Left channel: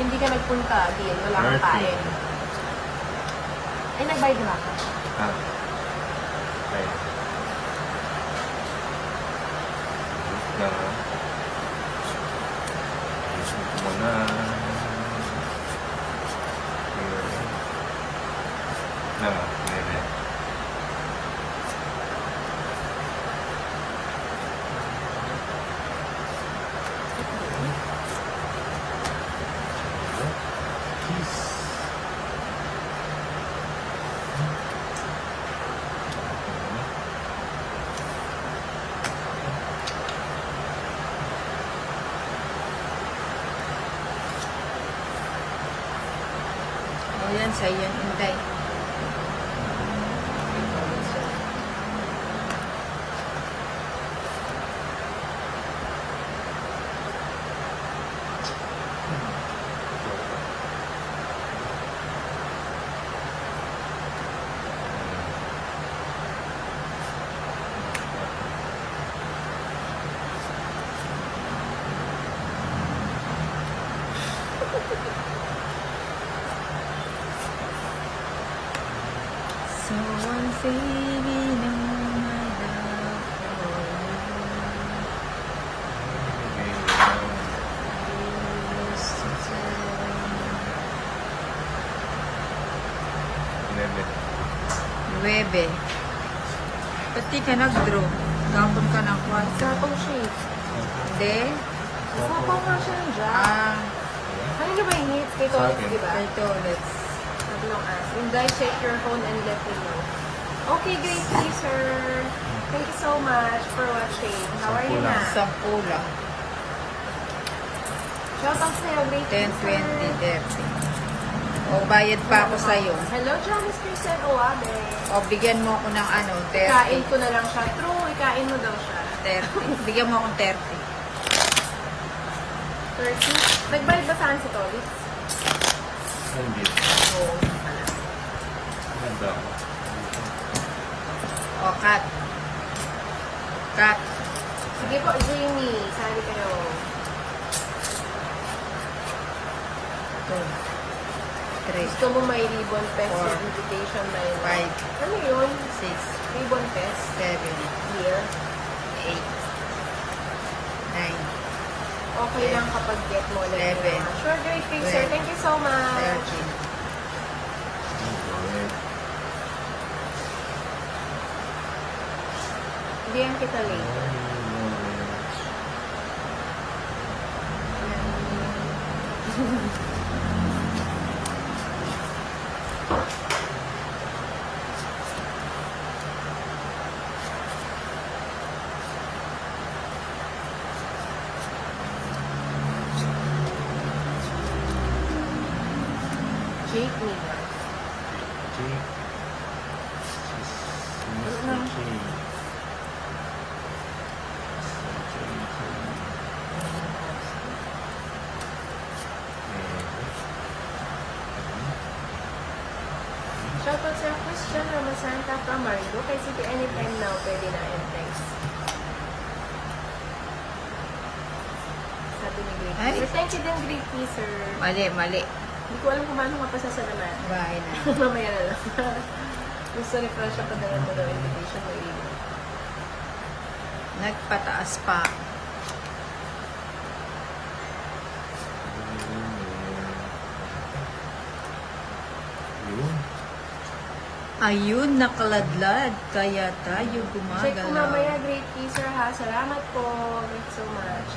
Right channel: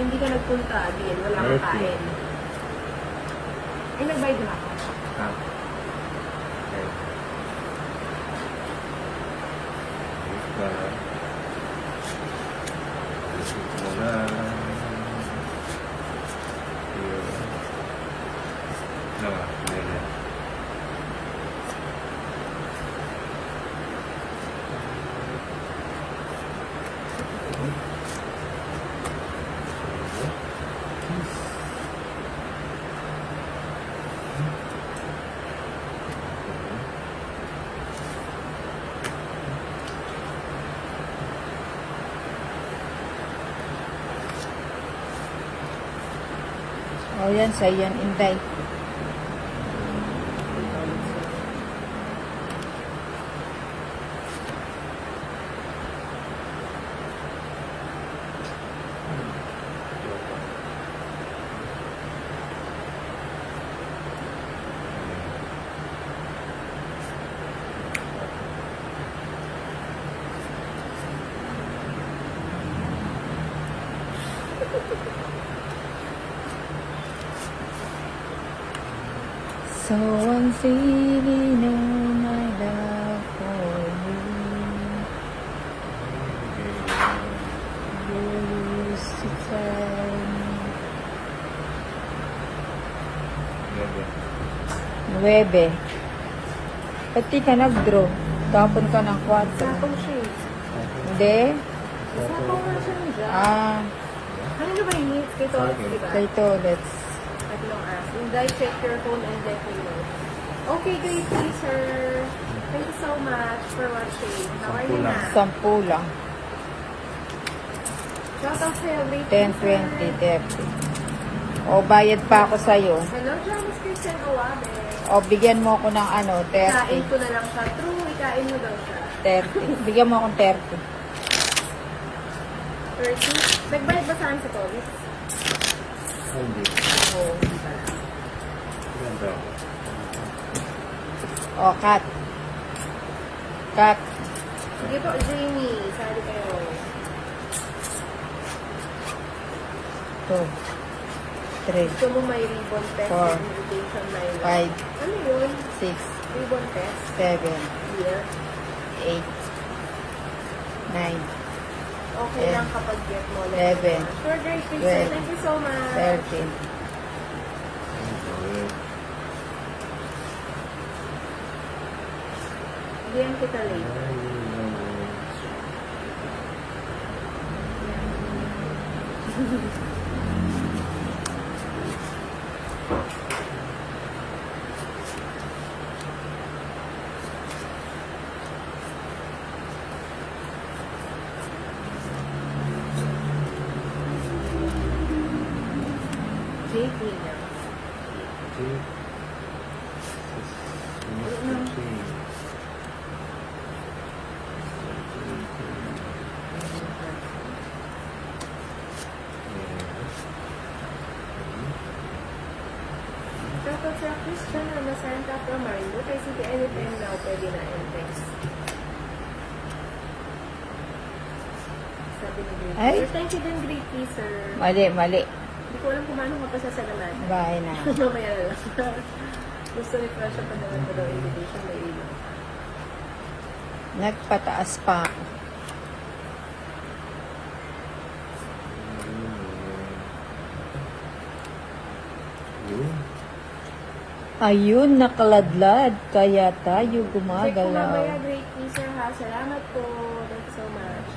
hindi ka nagpunta, din, wala kang kain. Ay, nagbayad na ako. Ah. O yan, sa yung Inday. So I'm feeling all my love for you. You used to tell me. 9. Pati ka nag-draw. Tapon ka ng 4. Circle shape. Hindi? Sapaw lang siya ng drop. Kanina ba yung hits? Kay Toilets, di ba? Kay Toilets. Tatlong hours. Inday, check your phone and let me know. Okay, great, sir. Thank you so much for watching. How are you na? 10 lang. Shout out sa'yo, great 10, sir. 20, 30. O, bayad pa ako sa'yo. Hello, Jones Crystal Buwabe. O, bigyan mo ako ng 30. Ikain ko na lang siya. True, ikain mo daw siya. 30. Bigyan mo akong 30. 30. Nagbayad ba saan si Toilets? Hindi. Oo. Hindi. O, cut. Cut. Sige po, Jamie. Sabi kayo. 2, 3, Gusto mo may ribbon test Four. invitation na yun? 5, Ano yun? 6, Ribbon test? 7, Here. 8, 9, Okay lang kapag get mo. 11, Sure, great, sir. Thank you so much. 13. Diyan kita late. Jake me. Shoutout sa Christian Ramasanta from Marlo. Kay sige anytime now, pwede na entrance. Sabi ni Great. Ay. Thank you din, Great sir. Mali, mali. Hindi ko alam kung paano mapasasalaman. Bahay na. Mamaya na lang. Gusto refresh ako na lang po ng invitation na ilo. Nagpataas pa. Ayun, nakaladlad. Kaya tayo Check ko gumagalaw. mamaya, Great sir ha. Salamat po. Thank you so much.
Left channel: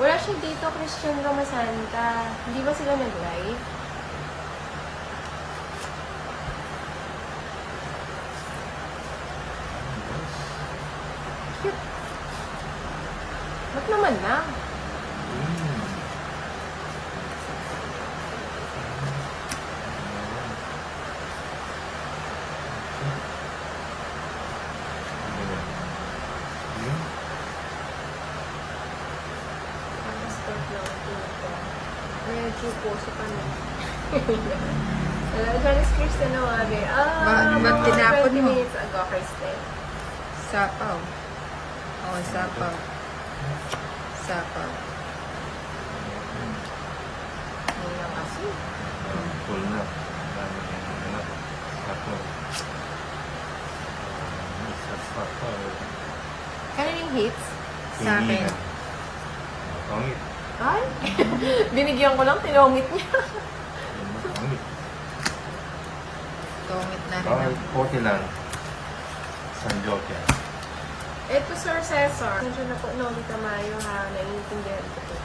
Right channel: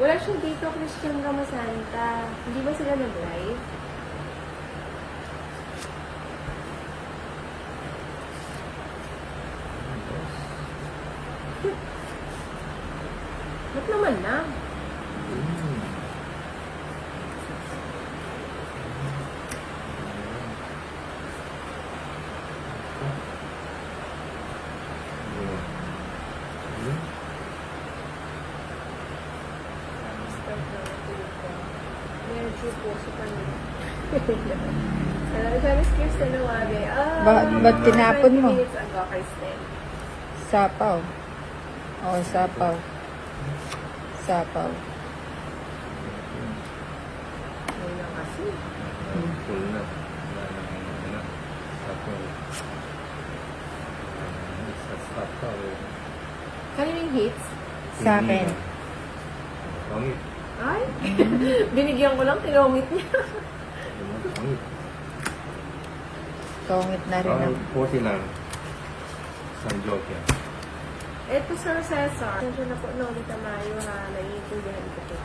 Wala siya dito, Christian Ramasanta. Hindi ba sila nag-live? Shit. Ba't naman na? Nakastart na ako dito. Medyo po si Panay. Hello, Janice Kirsten Nawage. Ba't tinapon 20 mo? minutes ago, Kristen. Sapaw. O, sapaw. Sapaw. full na. Kano yung hits? Sa akin. Pangit. Ay, binigyan ko lang, tinungit niya. Pangit. Tongit na rin. Pangit. Okay lang. San Joke. Ito, Sir Cesar. Nandiyan na po, Noli Tamayo, ha? Naiintindihan ko po.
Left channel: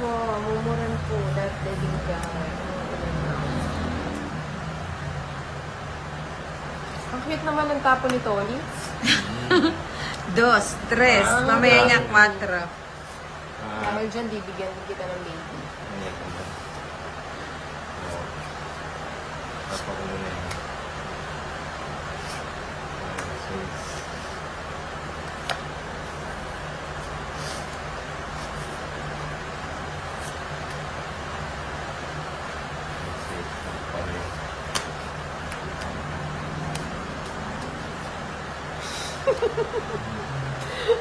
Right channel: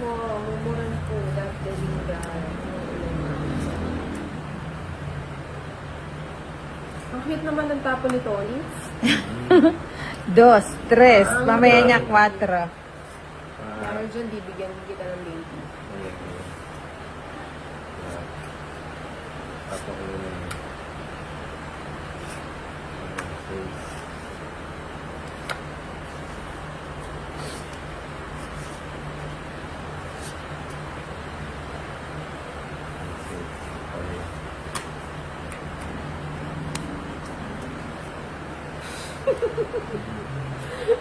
Wow, mumuran po. Dati binigyan ko. Ang cute naman ng tapo ni Tony. 2, 3, mamaya na 4. Dahil dyan, bibigyan kita ng baby.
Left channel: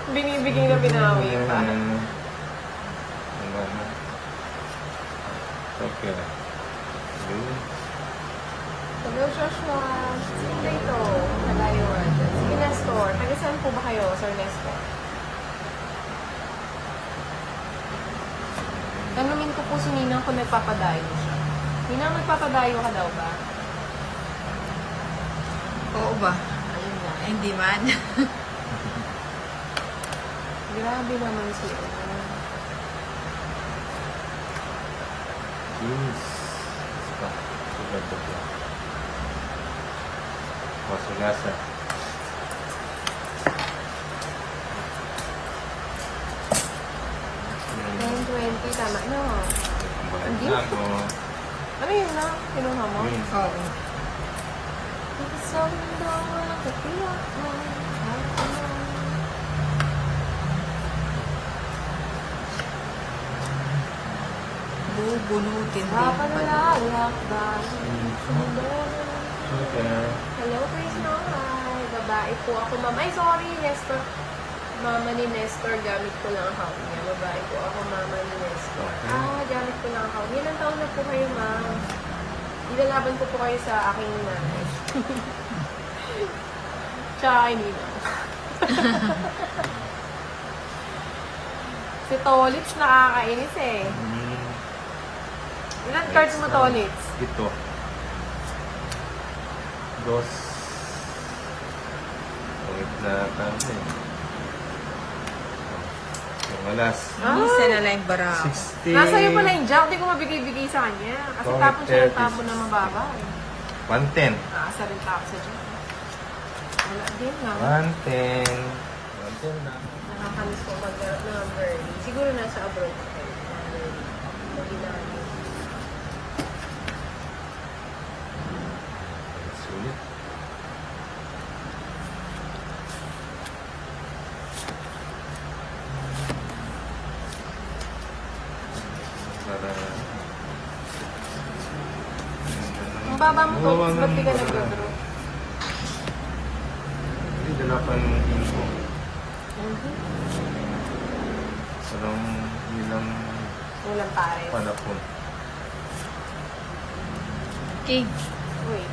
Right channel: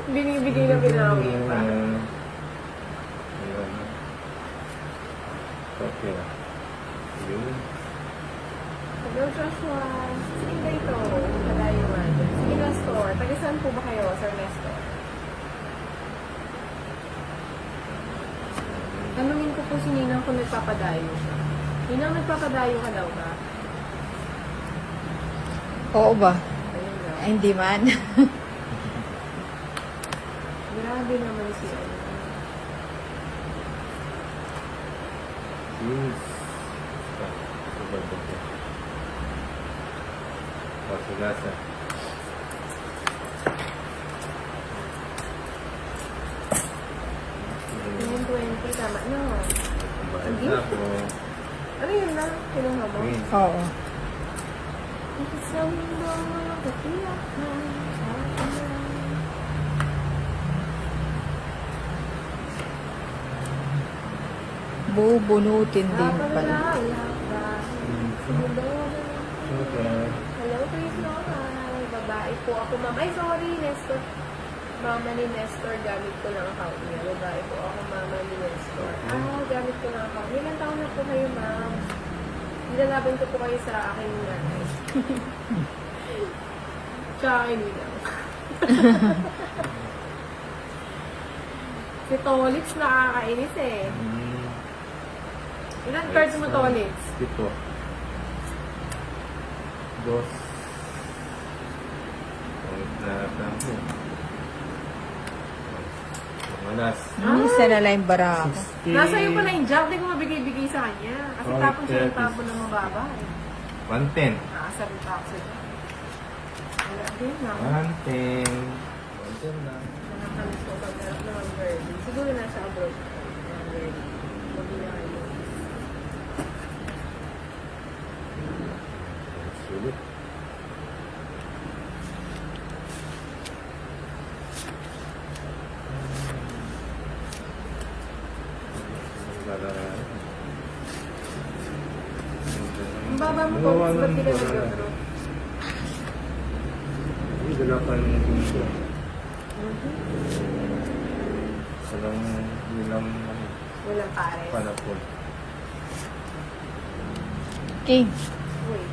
Binibigay na binawi pa. Okay. Hello, Joshua. Sige ba ito? Malayo nga dyan. Sige na, store. Taga-saan po ba kayo, Sir Nestor? Tanungin ko po si Ninang kung nagpapadayo siya. Ninang, nagpapadayo ka daw ba? Oo ba? Ayun na. Ay, hindi man. Grabe naman siya. Yes. Masigasa. Ngayon 20, tama no? Hindi? Ano yun na? Kinuha mo? Oo. Isang daw walang kapiyak. Bubunutin din pala. Hello, Chris Noah. Babae po ako, ma'am. Ay, sorry, Nestor. Mama ni Nestor, gamit ko lang account niya. Babae po ako, mama ni Nestor. Gamit ko lang account. Ilang taon na po kayo, ma'am? Ilalaban ko po kayo sa aking nanay. Tsaka kay Nina. Si Tolitz nakakainis eh. Ilan cards mo, Tolitz? Ito. Dos. Na tanto. Malas. Isa na lang yung bara ako. 60. Nasa iyo pala yung job, di ko mabigay-bigay sa kanya. Kasi Oh, tapos siya ng 30. tapo na mababa eh. 110. Nasa rin tao sa job. Wala din nga. 110. 110 na. Nakakalis ko pag ng early. Siguro nasa abroad. Sulit. Ang baba mo to, ba't di ka nag-abroad? Yung dala ko yung info. Walang nilang Walang pares. anak ko. King. Wait.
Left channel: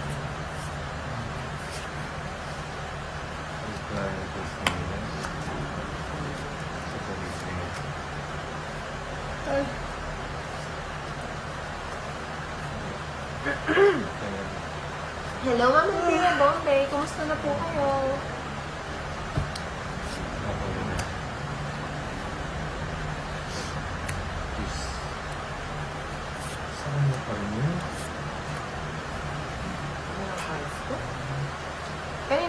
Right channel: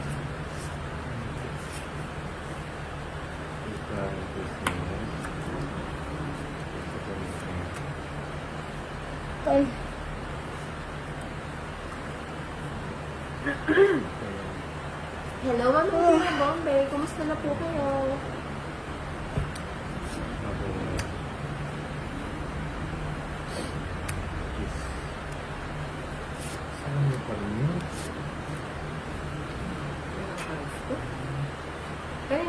Hello, Ma'am Tina Bombay. Kumusta na po kayo?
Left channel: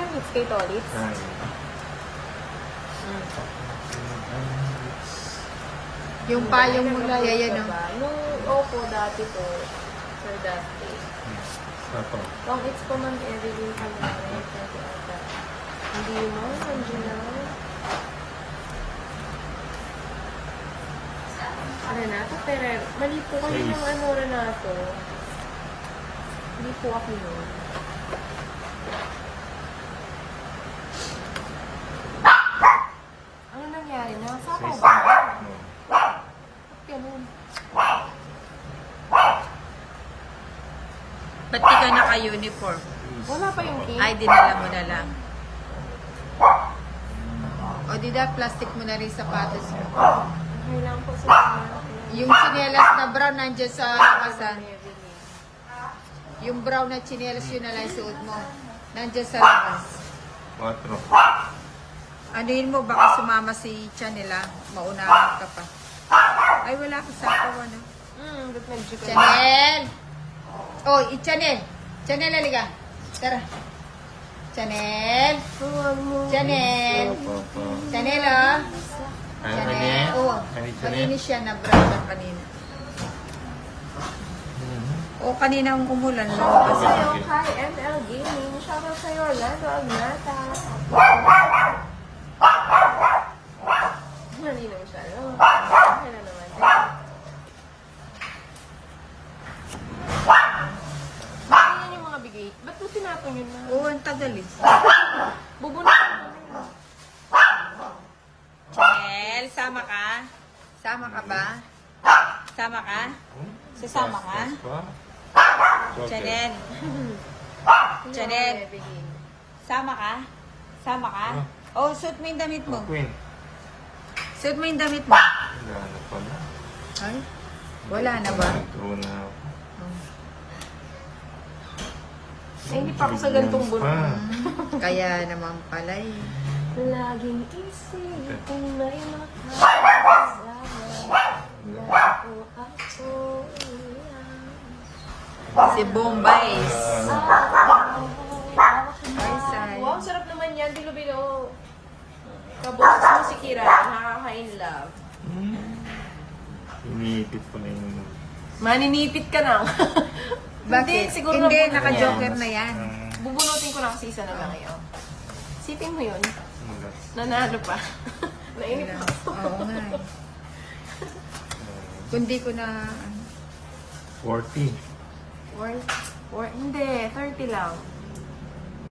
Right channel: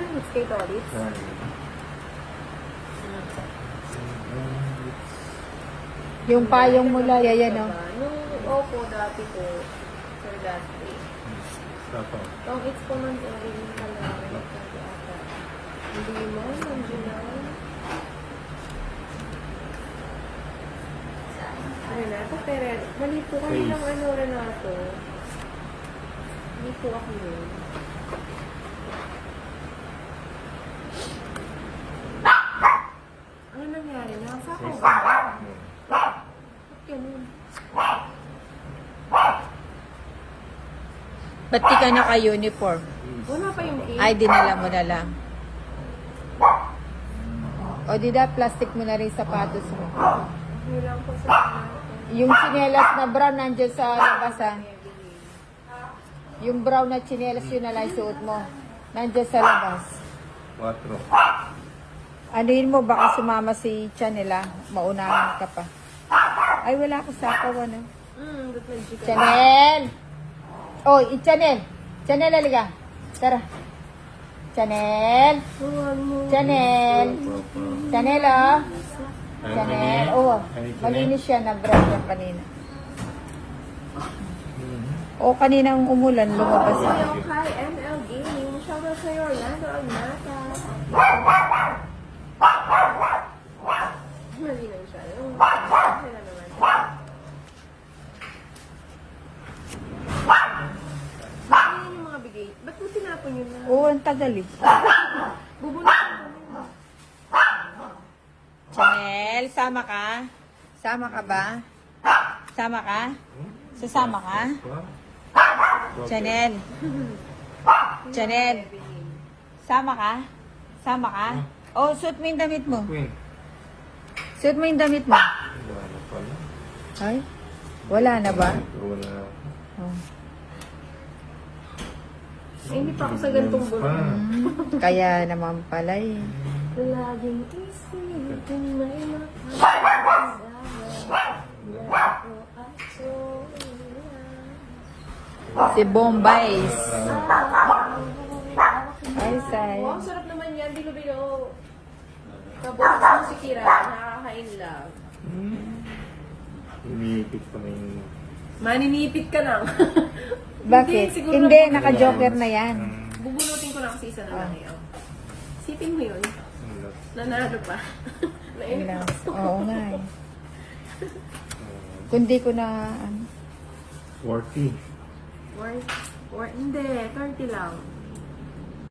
It's kay Tolitz. Yung payong mula, yan o. Nung opo dati po, for that day. Long it's po man everyday ka lang. Hindi mo, nandiyo lang. Renato, pero mali po kami ng ano, Renato. Hindi po ako yun. Ano nangyari na? Saan ba? Ganun. Ba't di ka naka-uniform? Wala pa yung cake. Ay, dinala mo na lang. O, di da, plastic mo na rin sapatos mo. Okay lang po sa Yung chinelas na brown nandiyan sa labasan. Yung brown na chinelas yun na lang suot mo. Nandiyan sa labas. 4. Anuhin mo, baka sumama si Chanela. Maunahan ka pa. Ay, wala akong sapaw, ano? ba't nag-jiga? Chanel! Oh, Chanel! Chanel, aliga. Tara. Chanel! Chanel! Chanel, oh! Chanel. Oo. Malinis siya. Nag-brown lang kanina. O, kaninang umulan. Lumabas na. Sa'yo kay ML Gaming. Shoutout sa'yo, Orlando Almata. Malinom siya. Okay na naman. Bakit yun yung mga bigay? Ba't mo tinapon yun? Oo, ang tagal eh. Bubunutin mo. Chanel, sama ka? Sama ka ba? Sama ka? Sasama ka? Chanel. Chanel. Sama ka? Sama ka? Oh, suit mo yung damit mo. Queen. Suit mo yung damit mo. Wala na pala. Ay? Wala na ba? True na. Ay, hindi pa ako sa gantong buno. Kaya naman pala eh. Laging isipin na inakala. Si Bombays. Ay, say. Wow, sarap naman yan. Bilo-bilo. Kaboses mo si Kira. Nakaka-in love. Iniipit pa rin. Maninipit ka lang. Bakit? siguro Hindi, naman naka-joker na yan. Bubunutin ko na kasi isa na lang ngayon. Sipin mo yun. Nanalo pa. Nainip mo. Oo nga. Kundi ko na... 40. Or, hindi, 30 lang.